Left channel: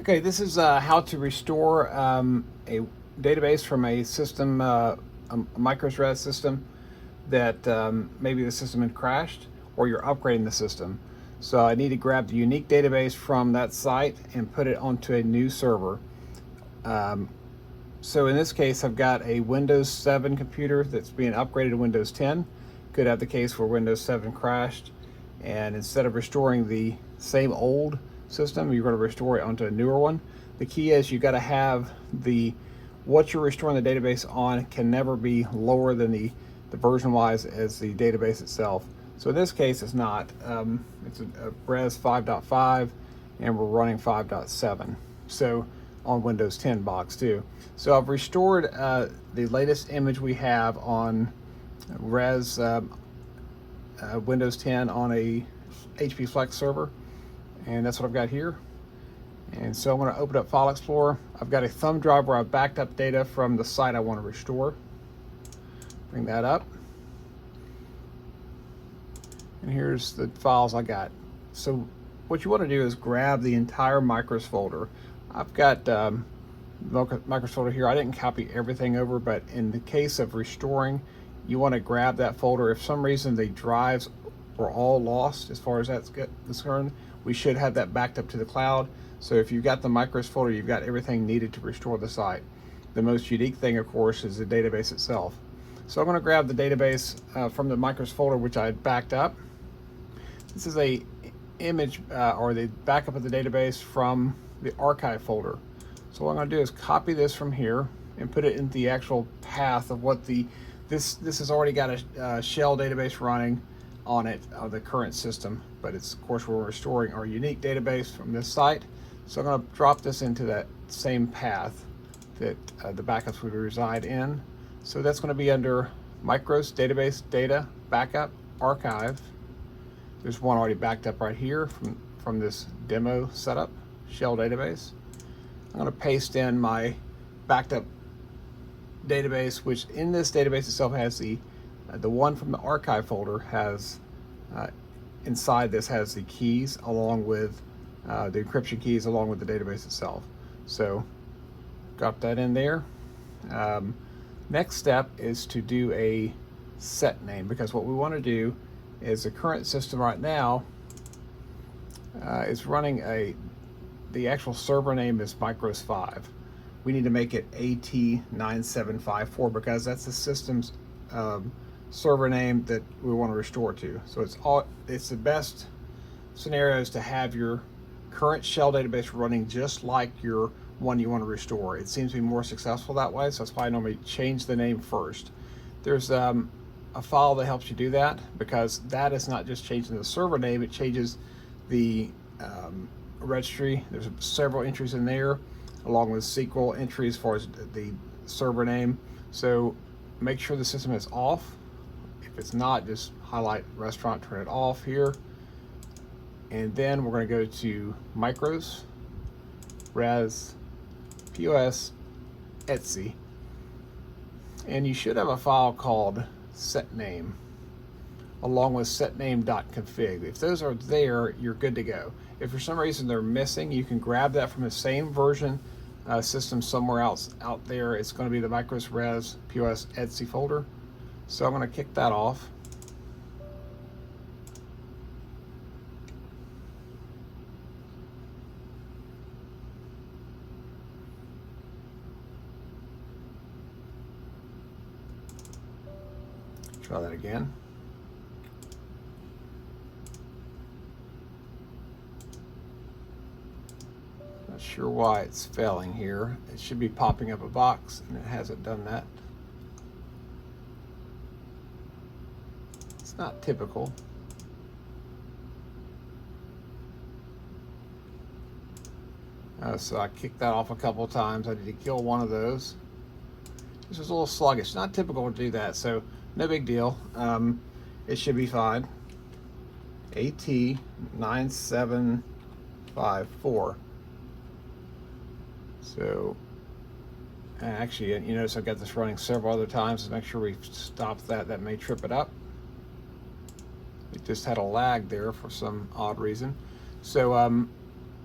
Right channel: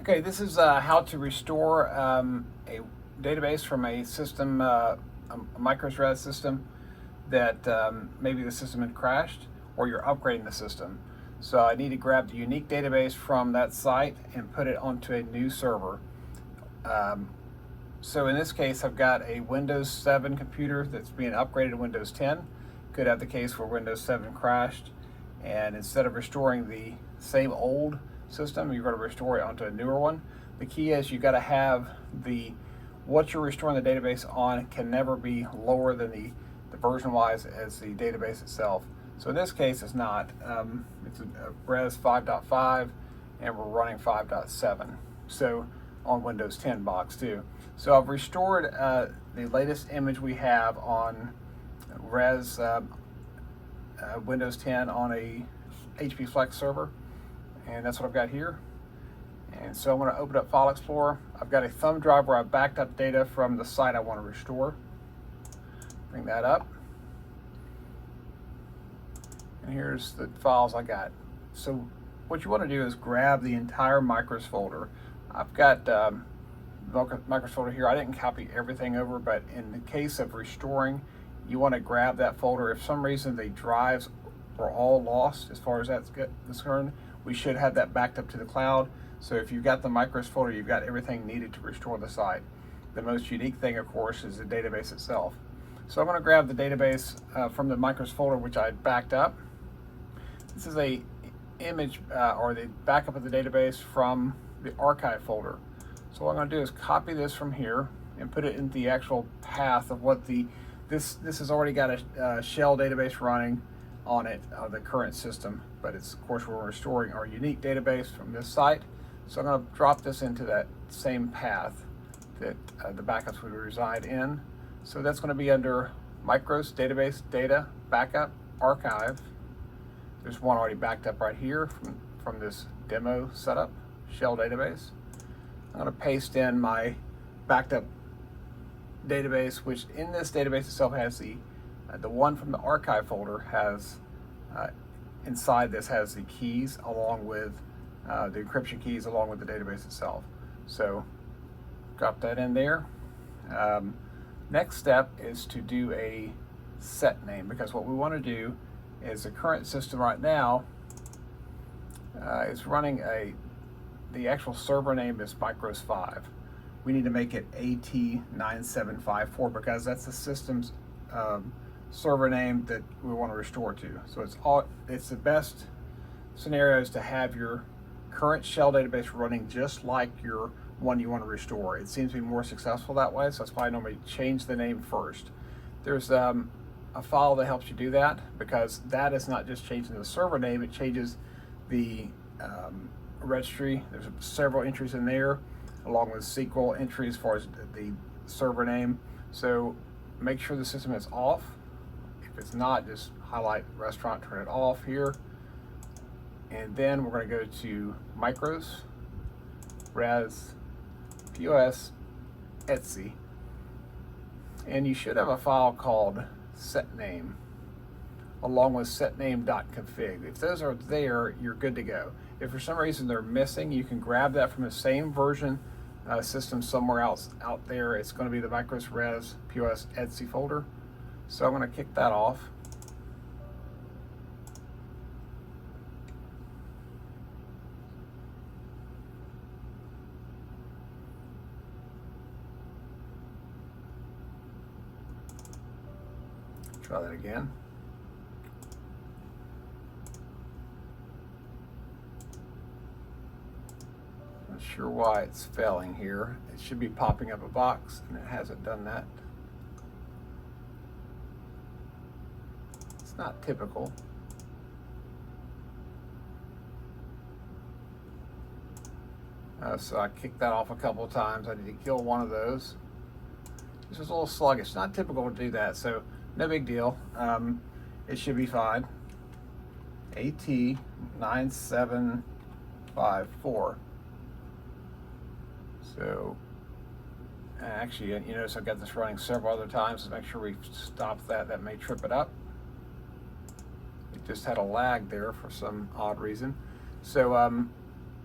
Okay, this is how to restore a database from a system, a microSRAS system that maybe the system had crashed or you're upgrading the system. So I need to grab the unique database from that site and put it onto a new server. Um, so in this case, I've got a Windows 7 computer that's being upgraded to Windows 10. Could have the case where Windows 7 crashed, and instead of restoring the same old system, you're going to restore it onto a newer one. The key is you got to have the what you're restoring the database on can never be lower than the version wise as the database itself. So in this case, it's not. It's a Res 5.5, and we're running 5.7. So on Windows 10 box too. So I've restored the latest image we have on Res Windows 10 on a HP Flex server, and that's what I've got here. And so I'm going to open up File Explorer. I've got a thumb drive where I've backed up data from the site I want to restore. Bring that up. And here's the files I got. So what you want to do is grab the entire Micros folder. I've got Micros folder here. I didn't copy everything over, but in the case of restoring, you want to grab that folder. If for some reason the drives were all lost as far as that's concerned, we should have that backed up to the cloud. So if you've got the Micros folder, you've got everything needed to restore the site. The most unique thing, of course, is the database itself. So I'm going to grab the database from the Micros folder, which I backed up. This is a image or the backup of the database from the archive folder. So what I'm going to do is copy this from here and put it in the actual path of what this has already got a shell database running on it of the current system, but it's of course we're restoring our unique database from this site. So I'm going to drop this into that same path that the backups would reside in. So that's going to be under Micros Database Data Backup Archive. There's one already backed up right here from this demo setup shell database. I'm going to paste in my backed up database, which in this database itself has the one from the archive folder has inside this has the keys along with the encryption keys along with the database itself. So drop that in there. Next step is to do a set name, because what we want to do is the current system right now is running the actual server name is Micros 5. We need to make it AT9754 because that's the system's server name that we want to restore to. So it's the best scenario is to have your current shell database running just like your one you want to restore. It seems to be more successful that way, so that's why I normally change the name first. There's a file that helps you do that, because that is not just changing the server name, it changes the registry. There's several entries in there along with SQL entries as far as the server name. So make sure the system is off. If it's not, just highlight restaurant, turn it off here. And then we're going to go to Micros, Res, POS, Etsy. And you should have a file called setName along with setname.config. If those are there, you're good to go. If for some reason they're missing, you can grab that from the same version system somewhere else out there. It's going to be the Micros, Res, POS, Etsy folder. So I'm going to kick that off. Try that again. Not sure why it's failing here. It should be popping up a box, and it hasn't done that. It's not typical. So I kicked that off a couple of times. I need to kill one of those. This is a little sluggish. Not typical to do that, so no big deal. It should be fine. AT9754. So, and actually, you notice I've got this running several other times to make sure we stop that. That may trip it up. It just had a lag there for some odd reason. So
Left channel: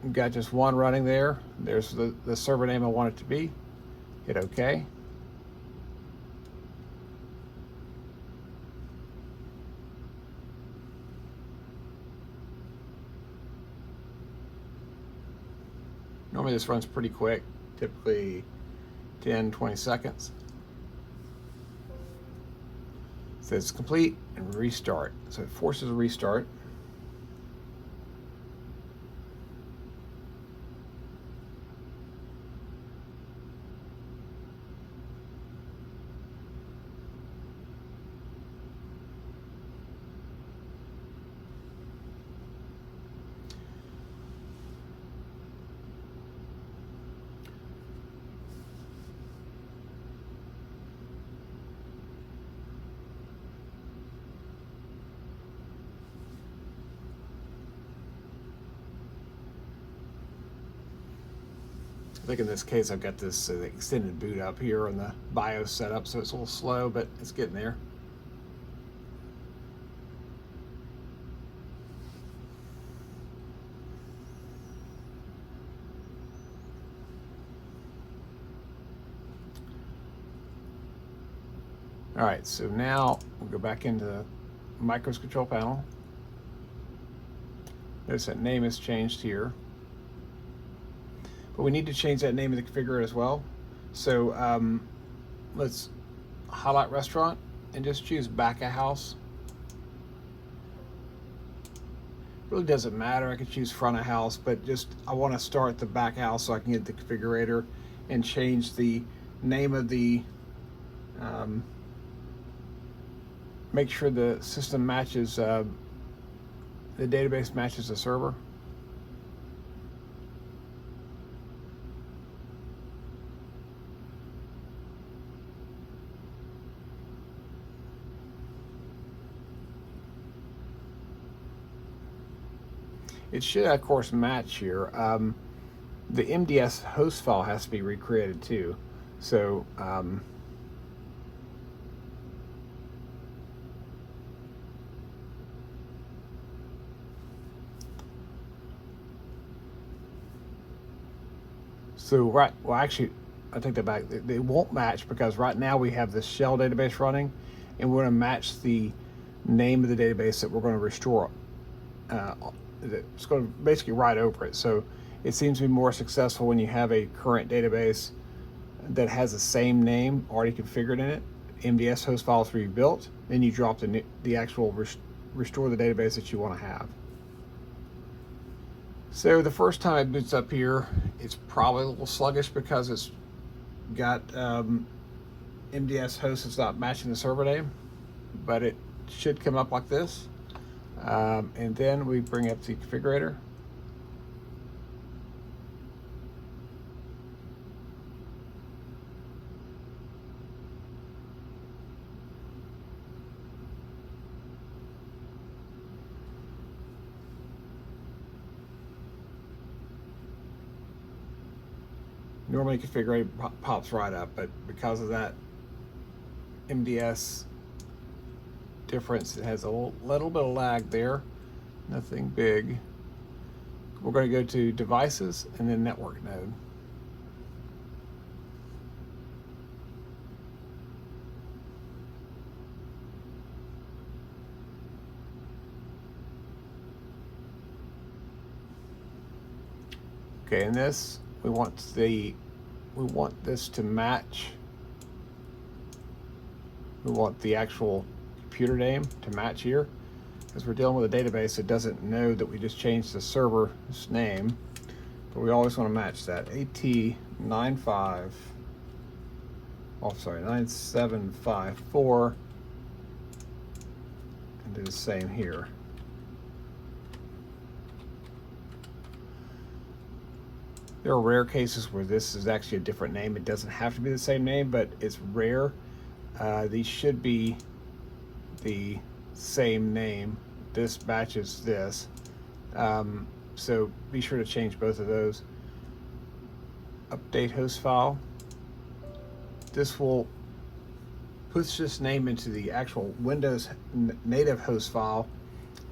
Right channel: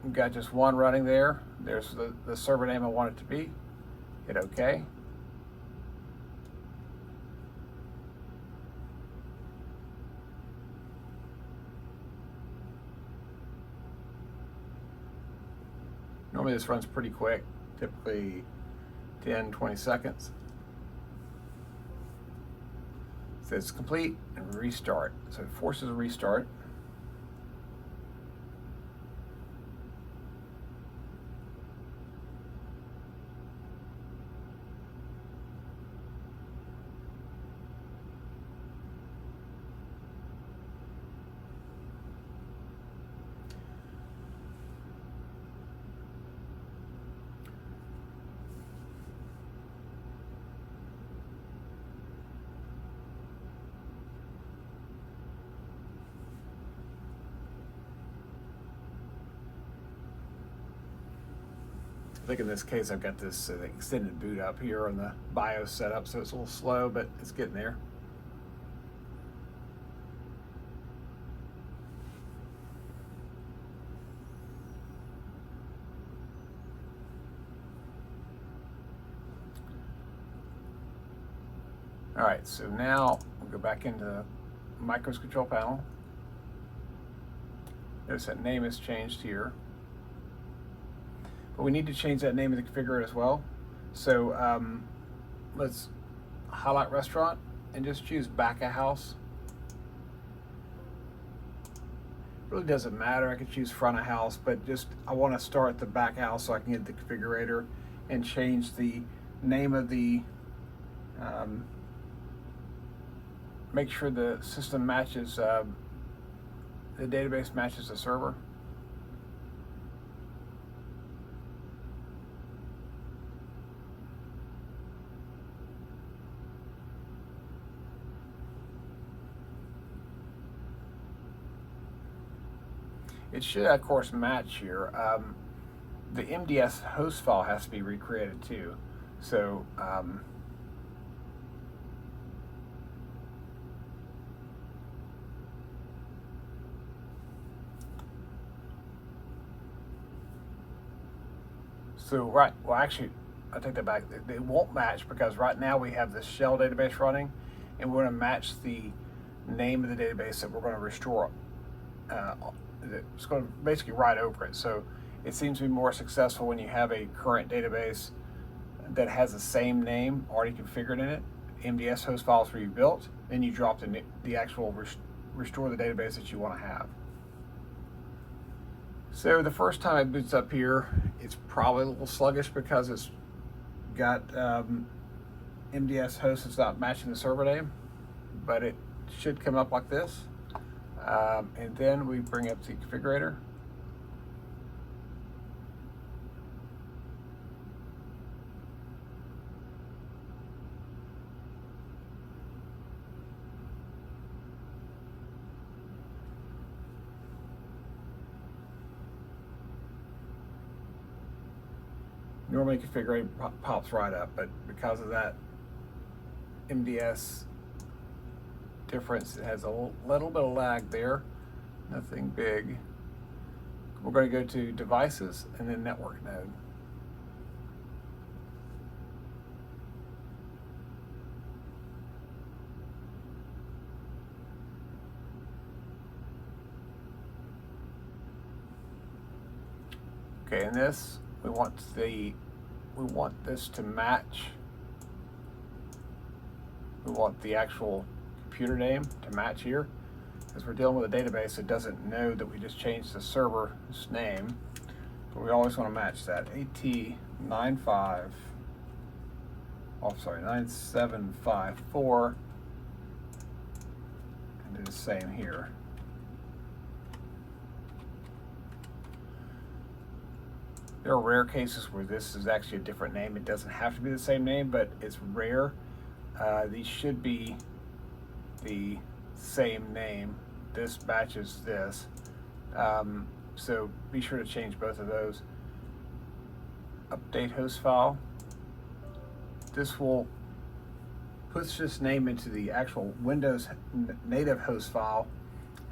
We've got just one running there. There's the server name I want it to be. Hit OK. Normally this runs pretty quick, typically 10-20 seconds. It says complete and restart. So it forces a restart. I think in this case I've got this extended boot up here on the BIOS setup, so it's a little slow, but it's getting there. All right, so now we'll go back into the Micros control panel. Notice that name has changed here. But we need to change that name of the configurator as well. So let's highlight restaurant and just choose back of house. Really doesn't matter, I could choose front of house, but just I want to start the back of house so I can get the configurator and change the name of the make sure the system matches the database matches the server. It should, of course, match here. The MDS host file has to be recreated too. So well, actually, I take that back. They won't match because right now we have this shell database running, and we're going to match the name of the database that we're going to restore. It's going to basically write over it. So it seems to be more successful when you have a current database that has the same name already configured in it. MDS host files were you built, then you drop the actual restore the database that you want to have. So the first time it boots up here, it's probably a little sluggish because it's got MDS host that's not matching the server name, but it should come up like this. And then we bring up the configurator. Normally configurator pops right up, but because of that MDS difference, it has a little bit of lag there, nothing big. We're going to go to devices and then network node. Okay, and this we want this to match. We want the actual computer name to match here, because we're dealing with a database that doesn't know that we just changed the server's name, but we always want to match that. AT95, oh sorry, 9754, and do the same here. There are rare cases where this is actually a different name. It doesn't have to be the same name, but it's rare. These should be the same name. This matches this. So be sure to change both of those. Update host file. This will push this name into the actual Windows native host file,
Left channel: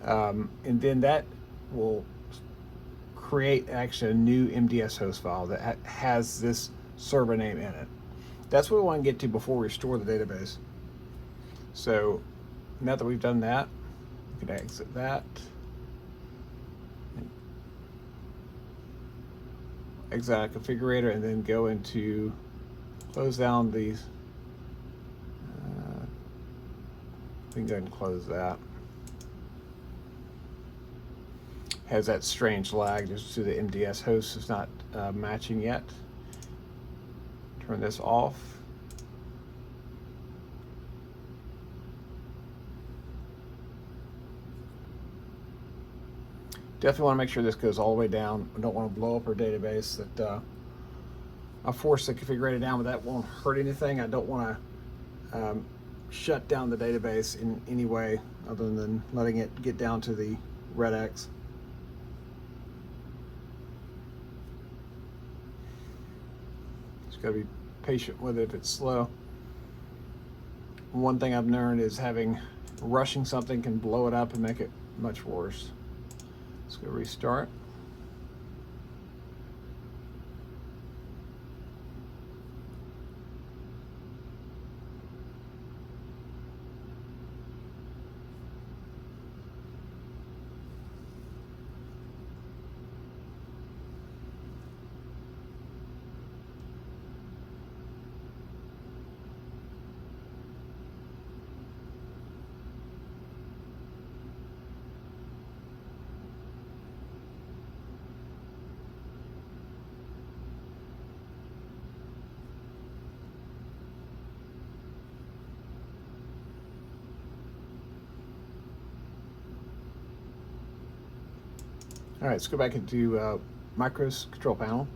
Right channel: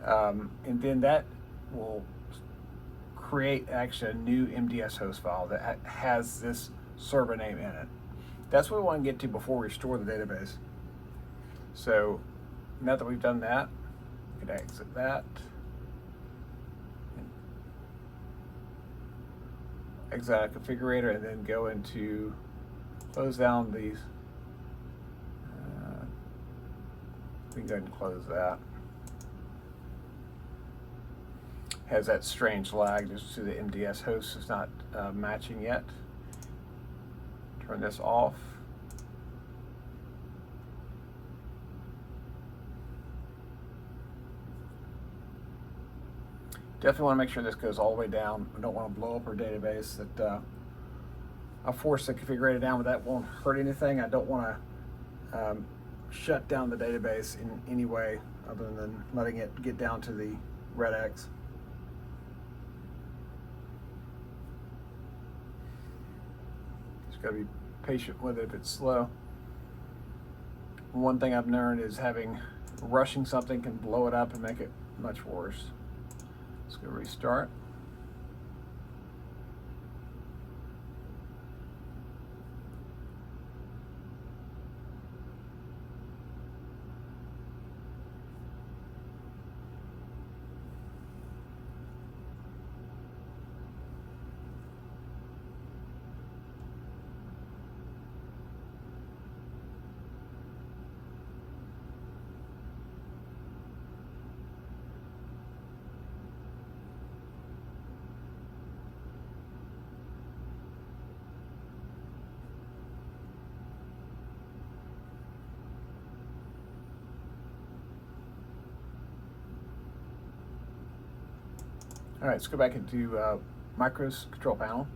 and then that will create actually a new MDS host file that has this server name in it. That's what we want to get to before we store the database. So now that we've done that, we can exit that. Exit out configurator and then go into close down these. We can go ahead and close that. Has that strange lag just to the MDS host is not matching yet. Turn this off. Definitely want to make sure this goes all the way down. We don't want to blow up our database. That I'll force the configurator down, but that won't hurt anything. I don't want to shut down the database in any way other than letting it get down to the red X. Just gotta be patient with it if it's slow. One thing I've learned is rushing something can blow it up and make it much worse. Let's go restart. All right, let's go back into Micros control panel.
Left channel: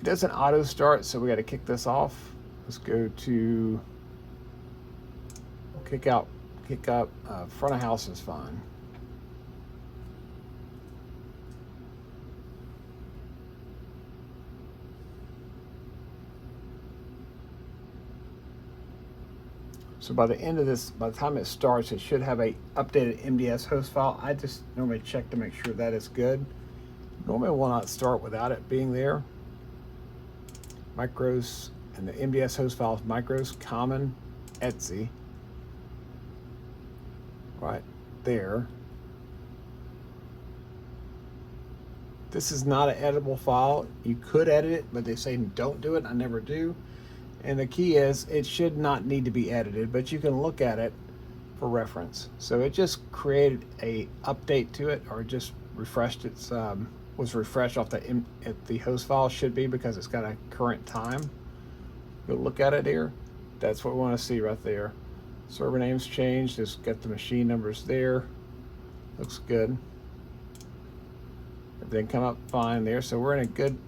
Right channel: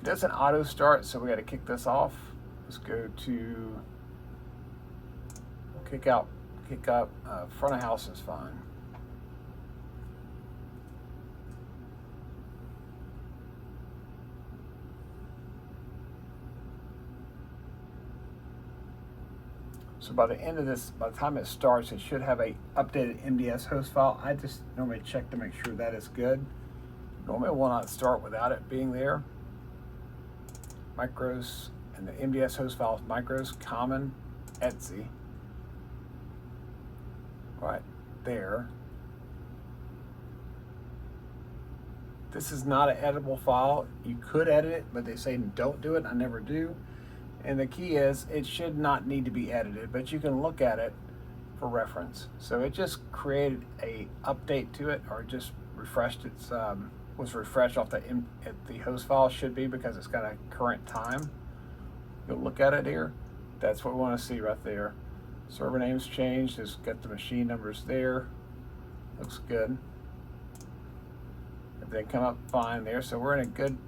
It doesn't auto start, so we got to kick this off. Let's go to kick up front of house is fine. So by the end of this, by the time it starts, it should have a updated MDS host file. I just normally check to make sure that is good. Normally it will not start without it being there. Micros and the MDS host file is Micros common etc. Right there. This is not an editable file. You could edit it, but they say don't do it. I never do. And the key is it should not need to be edited, but you can look at it for reference. So it just created a update to it, or just refreshed its was refreshed off the host file should be, because it's got a current time. Go look at it here. That's what we want to see right there. Server names changed. Just got the machine numbers there. Looks good. Everything come up fine there. So we're in a good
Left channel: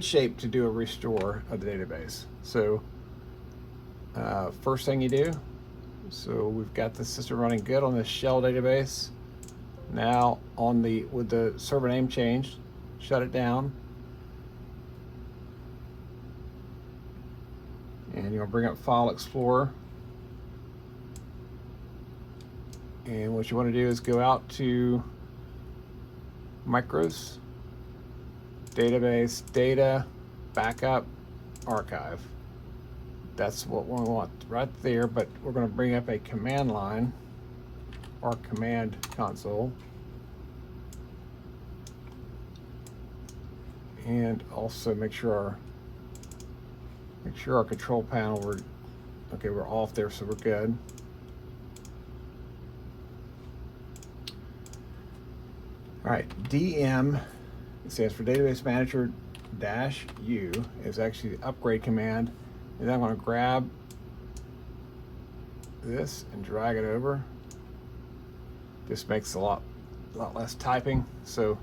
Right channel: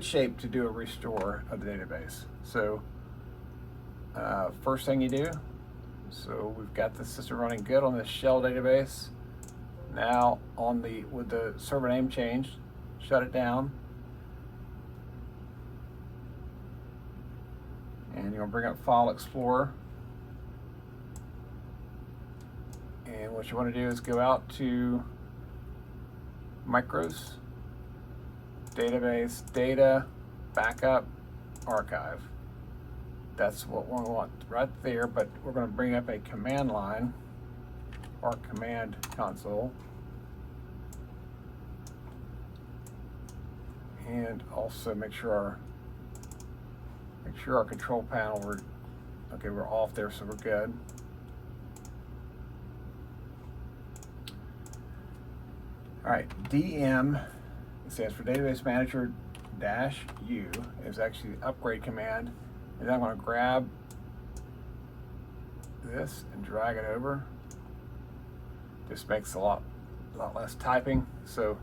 shape to do a restore of the database. So first thing you do, so we've got the system running good on the shell database. Now with the server name changed, shut it down. And you'll bring up File Explorer. And what you want to do is go out to Micros, Database, Data, Backup, Archive. That's what we want right there, but we're going to bring up a command line or command console. And also make sure our control panel, we're off there, so we're good. All right, DM stands for Database Manager -U is actually the upgrade command. And then I'm going to grab this and drag it over. This makes a lot less typing, so you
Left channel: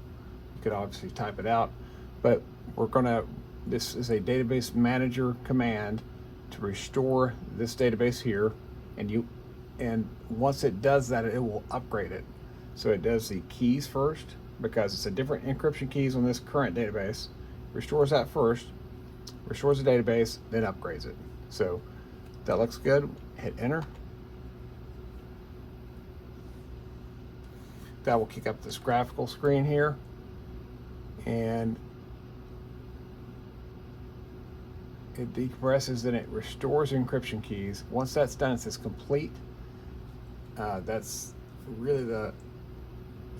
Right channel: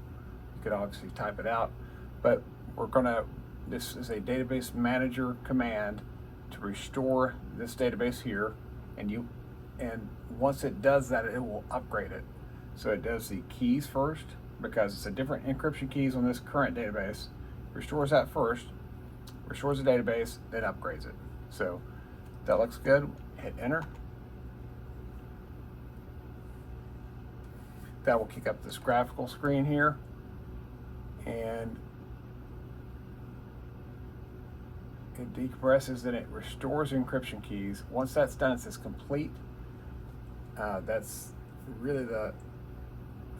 could obviously type it out. But this is a Database Manager command to restore this database here, and once it does that, it will upgrade it. So it does the keys first, because it's a different encryption keys on this current database. Restores that first, restores the database, then upgrades it. So that looks good. Hit enter. that will kick up this graphical screen here, and it decompresses, then it restores encryption keys. Once that's done, it says complete. That's really if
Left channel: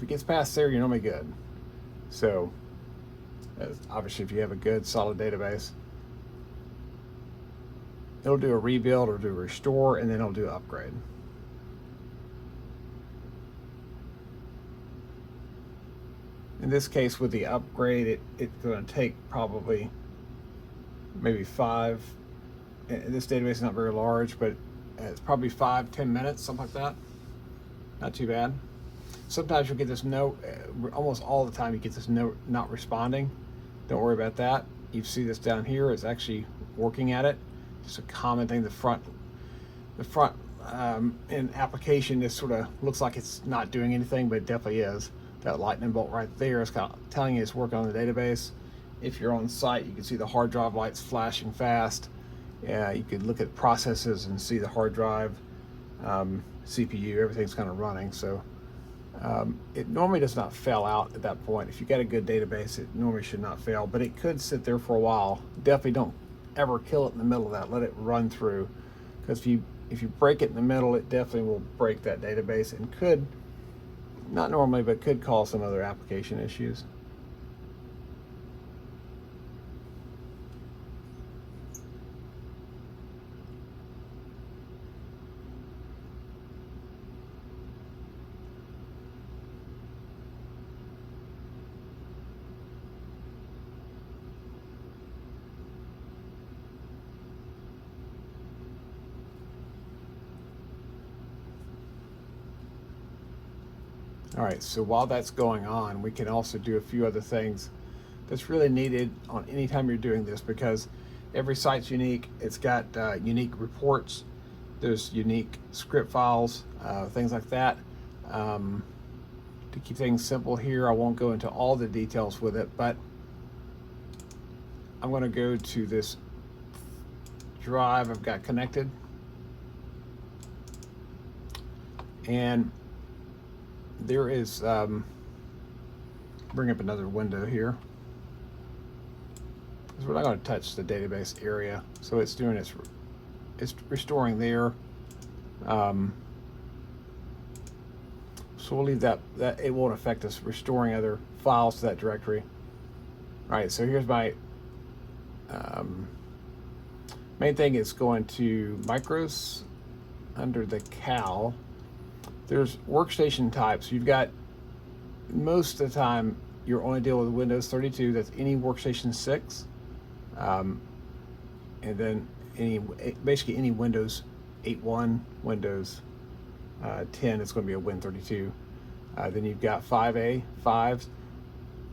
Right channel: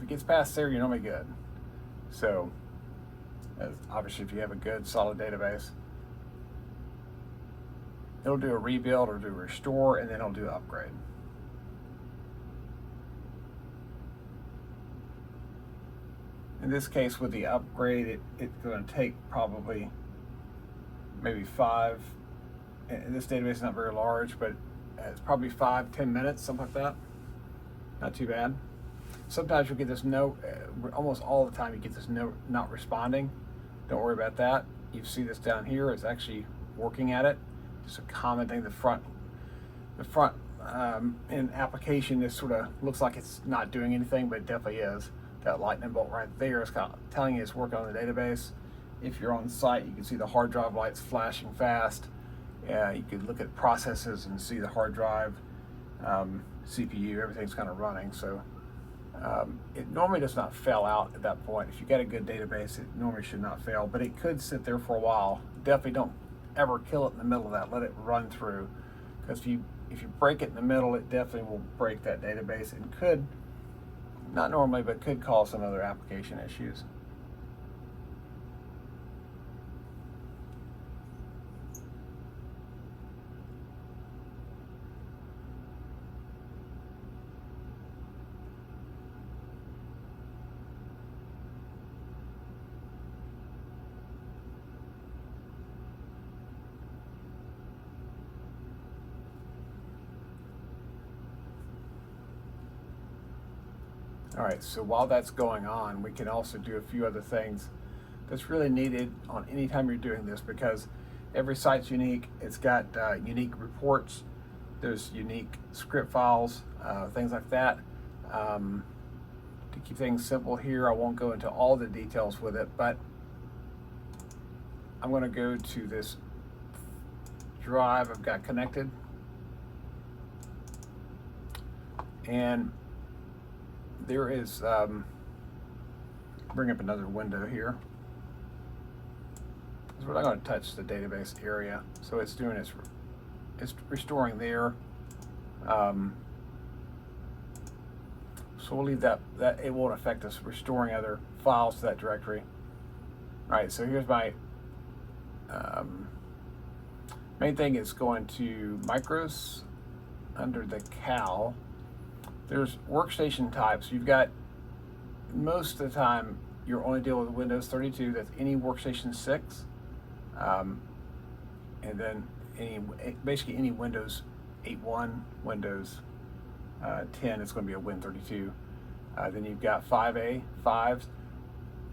it gets past there, you're normally good. So obviously if you have a good solid database, it'll do a rebuild or do a restore, and then it'll do an upgrade. In this case, with the upgrade, it's going to take probably maybe 5. And this database is not very large, but it's probably 5-10 minutes, something like that. Not too bad. Sometimes you'll get this note, almost all the time you get this note not responding. Don't worry about that. You see this down here, it's actually working at it. It's a common thing. The front in application, this sort of looks like it's not doing anything, but it definitely is. That lightning bolt right there is kind of telling you it's working on the database. If you're on site, you can see the hard drive lights flashing fast. You could look at processes and see the hard drive, CPU, everything's kind of running. So it normally does not fail out at that point. If you got a good database, it normally should not fail, but it could sit there for a while. Definitely don't ever kill it in the middle of that. Let it run through, because if you break it in the middle, it definitely will break that database and could, not normally, but could cause some other application issues. All right, so while that's going on, we can also do a few other things that's really needed on any time you're doing this, because every site's unique. It's got unique reports, there's unique script files, things like that. To keep things simple here, I won't go into all the details with it, but I'm going to go to this drive I've got connected, and there is, bring up another window here. So we're not going to touch the database area, so it's doing it's restoring there. So we'll leave that it won't affect us restoring other files to that directory. All right, so here's my main thing. Is going to Micros under the Cal. There's workstation types. You've got, most of the time you're only dealing with Windows 32. That's any workstation 6, and then basically any Windows 8.1, Windows 10. It's going to be a Win32. Then you've got 5A, 5.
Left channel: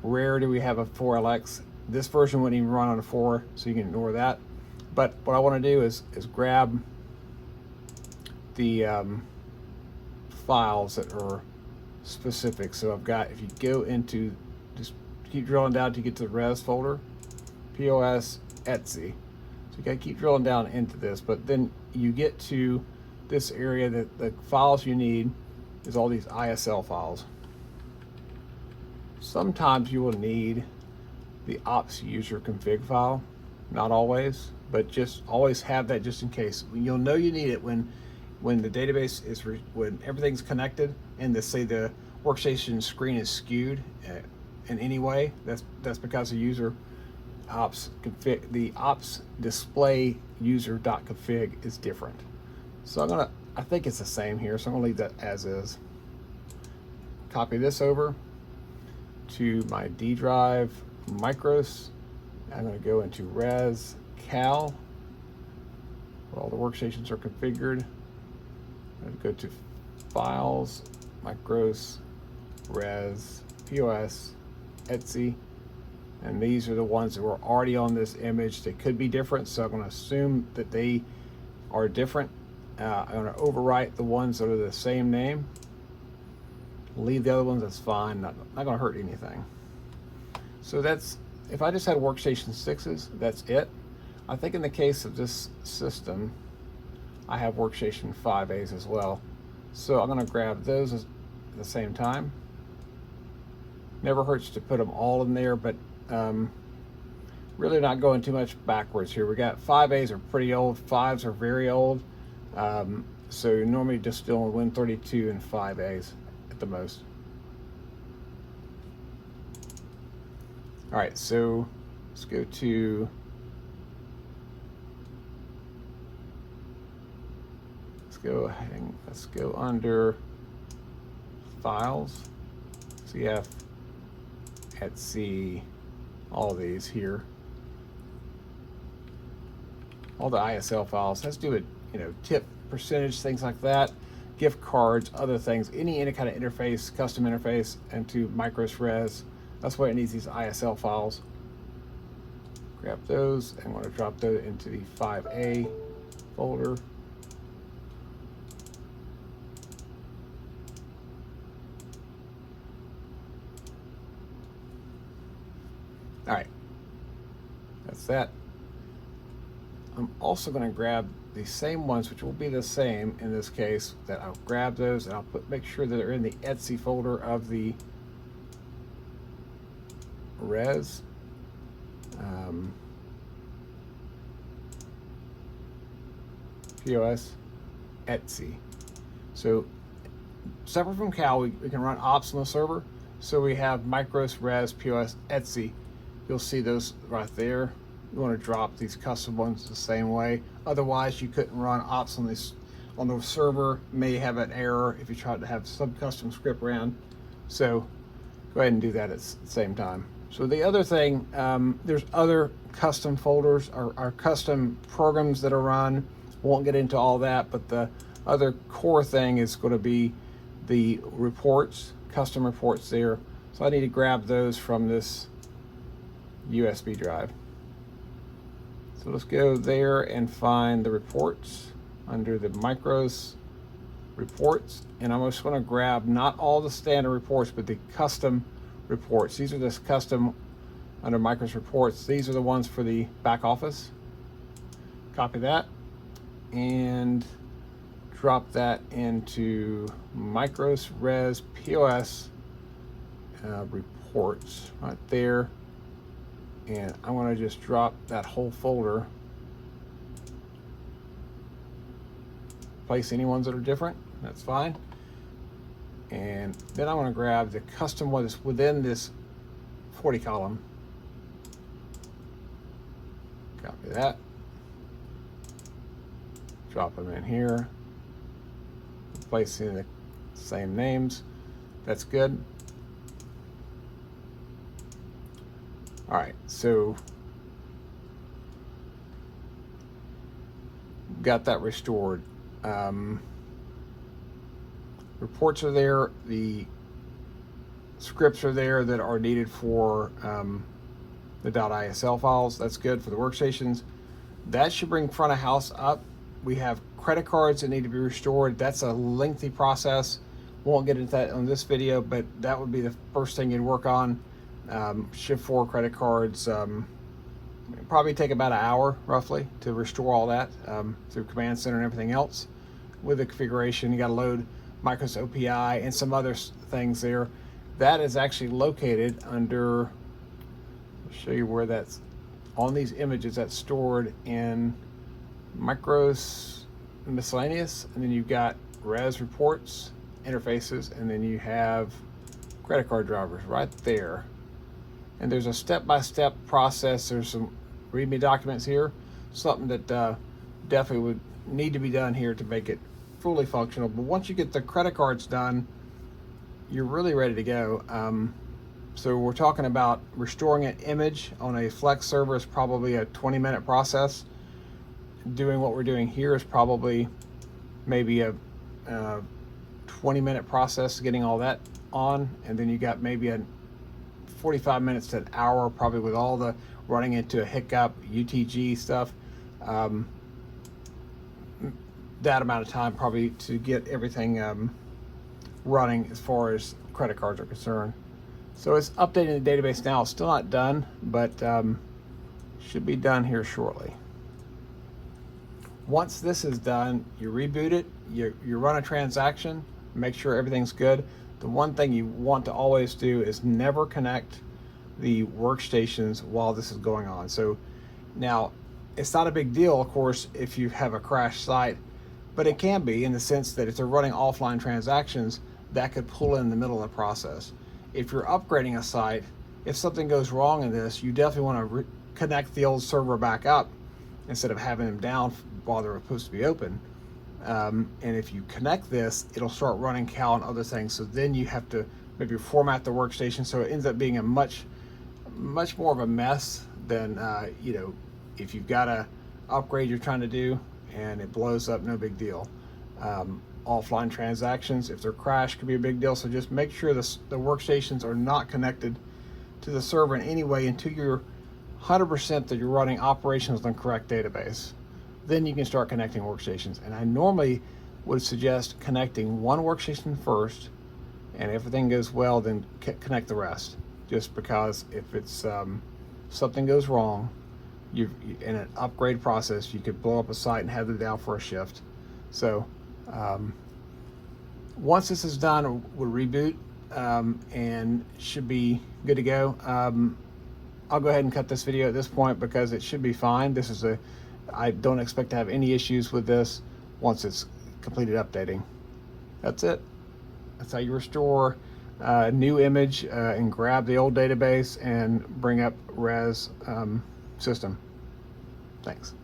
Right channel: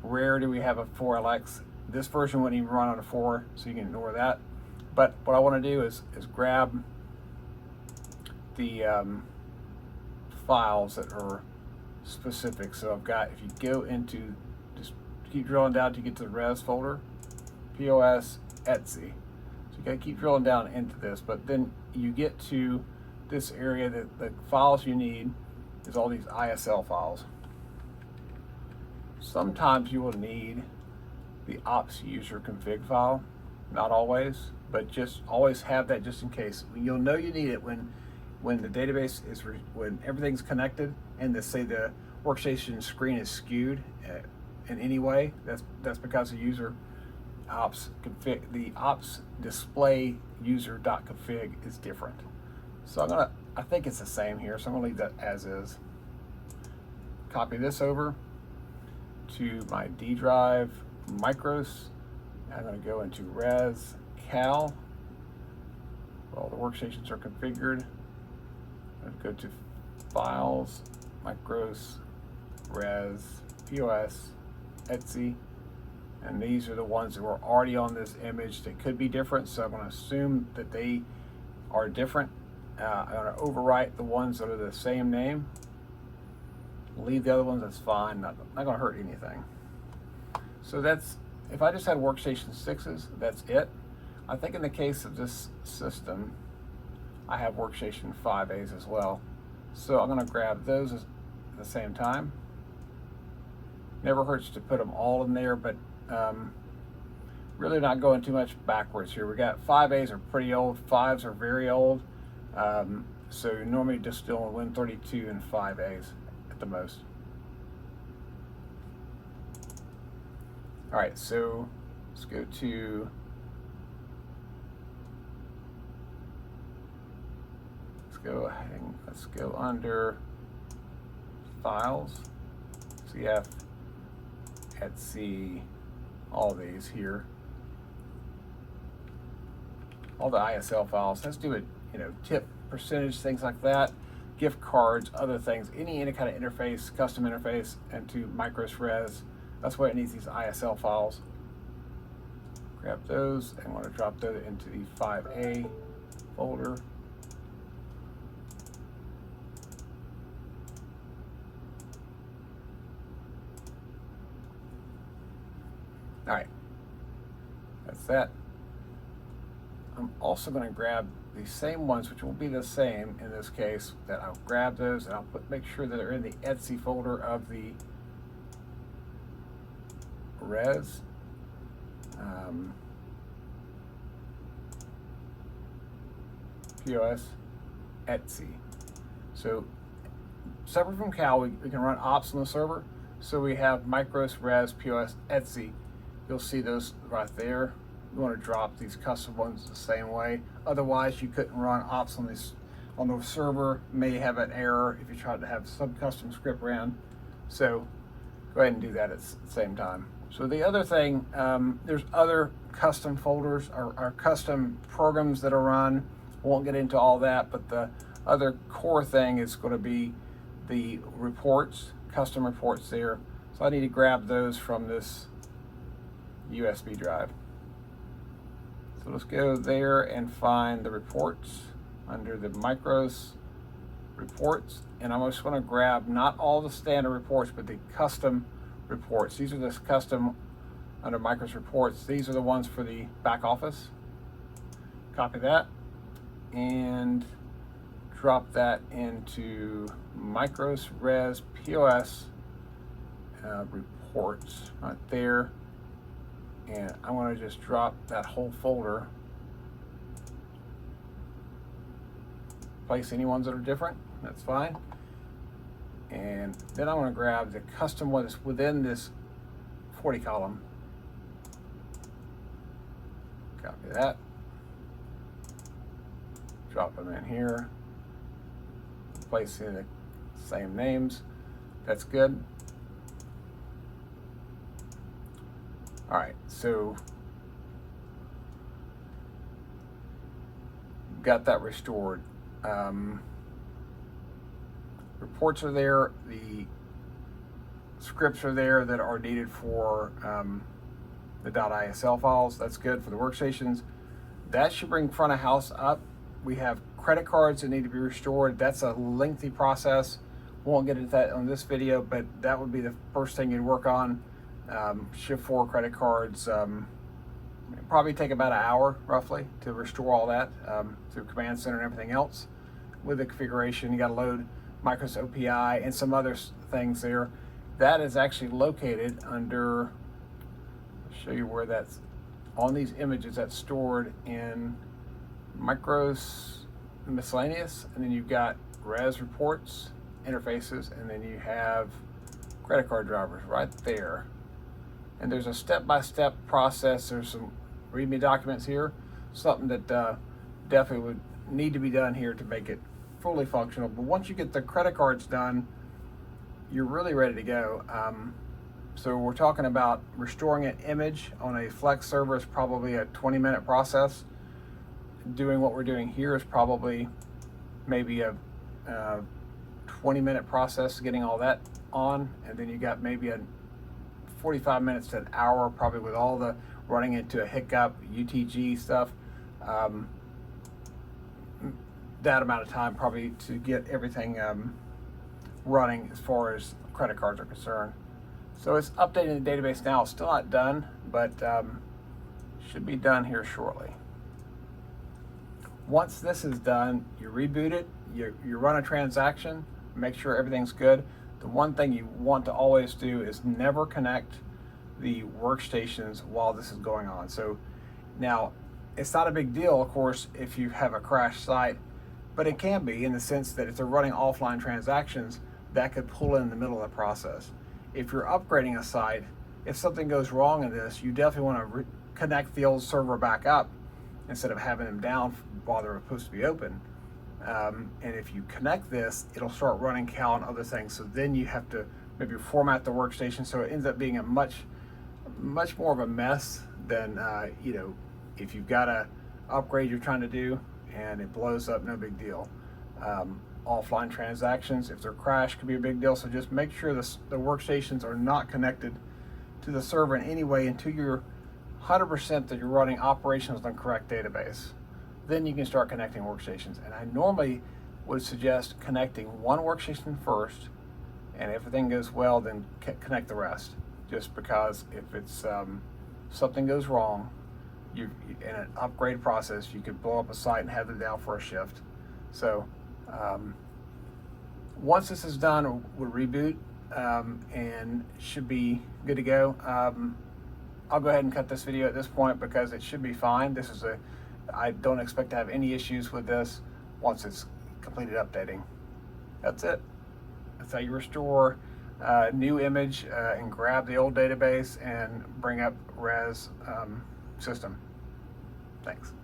Rare do we have a 4LX. This version wouldn't even run on a 4, so you can ignore that. But what I want to do is grab the files that are specific. So I've got, if you go into, just keep drilling down to get to the res folder, POS, Etsy. So you gotta keep drilling down into this, but then you get to this area that the files you need is all these ISL files. Sometimes you will need the ops user config file, not always, but just always have that just in case. You'll know you need it when the database is, when everything's connected and say the workstation screen is skewed in any way. That's because the user ops config, the ops display user.config is different. So I think it's the same here, so I'm gonna leave that as is. Copy this over to my D drive, Micros. I'm gonna go into res cal. All the workstations are configured. Go to files, Micros, res, POS, Etsy, and these are the ones that were already on this image. They could be different, so I'm going to assume that they are different. I'm going to overwrite the ones that are the same name. Leave the other ones, that's fine, not going to hurt anything. So that's, if I just had workstation 6s, that's it. I think in the case of this system, I have workstation 5As as well. So I'm going to grab those at the same time. Never hurts to put them all in there, but really not going too much backwards here. We got 5As are pretty old, 5s are very old. So normally just doing Win32 and 5As at the most. All right, so let's go to let's go under files. So you have Etsy, all these here, all the ISL files. Has to do with, you know, tip percentage, things like that, gift cards, other things, any kind of interface, custom interface into MicrosRes. That's what it needs, these ISL files. Grab those and want to drop those into the 5A folder. All right, that's that. I'm also going to grab the same ones, which will be the same in this case, that I'll grab those and I'll make sure that they're in the Etsy folder of the res. POS Etsy. So separate from Cal, we can run ops on the server. So we have MicrosRes POS Etsy. You'll see those right there. You want to drop these custom ones the same way. Otherwise, you couldn't run ops on this on the server. May have an error if you tried to have some custom script ran. So go ahead and do that at the same time. So the other thing, there's other custom folders or custom programs that are run. Won't get into all that, but the other core thing is going to be the reports, custom reports there. So I need to grab those from this USB drive. So let's go there and find the reports under the Micros reports, and I'm just going to grab not all the standard reports, but the custom reports. These are the custom under Micros reports. These are the ones for the back office. Copy that and drop that into MicrosRes POS reports right there. And I want to just drop that whole folder. Place any ones that are different, that's fine. And then I want to grab the custom one that's within this 40 column. Copy that. Drop them in here. Place in the same names. That's good. All right, so got that restored. Reports are there, the scripts are there that are needed for the .isl files. That's good for the workstations. That should bring front of house up. We have credit cards that need to be restored. That's a lengthy process. Won't get into that on this video, but that would be the first thing you'd work on. Shift4 credit cards, probably take about an hour roughly to restore all that through Command Center and everything else. With the configuration, you got to load Micros OPI and some other things there. That is actually located under, I'll show you where that's on these images. That's stored in Micros Miscellaneous, and then you've got Res Reports, Interfaces, and then you have credit card drivers right there. And there's a step-by-step process. There's some README documents here, something that definitely would need to be done here to make it fully functional. But once you get the credit cards done, you're really ready to go. So we're talking about restoring an image on a Flex server is probably a 20-minute process. Doing what we're doing here is probably maybe a 20-minute process getting all that on, and then you got maybe a 45 minutes to an hour probably with all the running into a hiccup, UTG stuff. That amount of time probably to get everything running as far as credit cards are concerned. So it's updating the database now. It's still not done, but should be done here shortly. Once this is done, you reboot it, you run a transaction, make sure everything's good. The one thing you want to always do is never connect the workstations while this is going on. So now, it's not a big deal, of course, if you have a crash site, but it can be in the sense that if they're running offline transactions, that could pull in the middle of the process. If you're upgrading a site, if something goes wrong in this, you definitely want to connect the old server back up instead of having them down while they're supposed to be open. And if you connect this, it'll start running Cal and other things. So then you have to maybe format the workstation, so it ends up being a much more of a mess than if you've got a upgrade you're trying to do and it blows up, no big deal. Offline transactions, if they're crashed, could be a big deal. So just make sure the workstations are not connected to the server in any way until you're 100% that you're running operations on the correct database. Then you can start connecting workstations. And I normally would suggest connecting one workstation first, and if everything goes well, then connect the rest. Just because if it's something goes wrong, you in an upgrade process, you could blow up a site and have them down for a shift. So once this is done, we'll reboot and should be good to go. I'll go ahead and cut this video at this point because it should be fine. I don't expect to have any issues with this once it's completed updating. That's it. That's how you restore a new image and grab the old database and bring up res system. Thanks.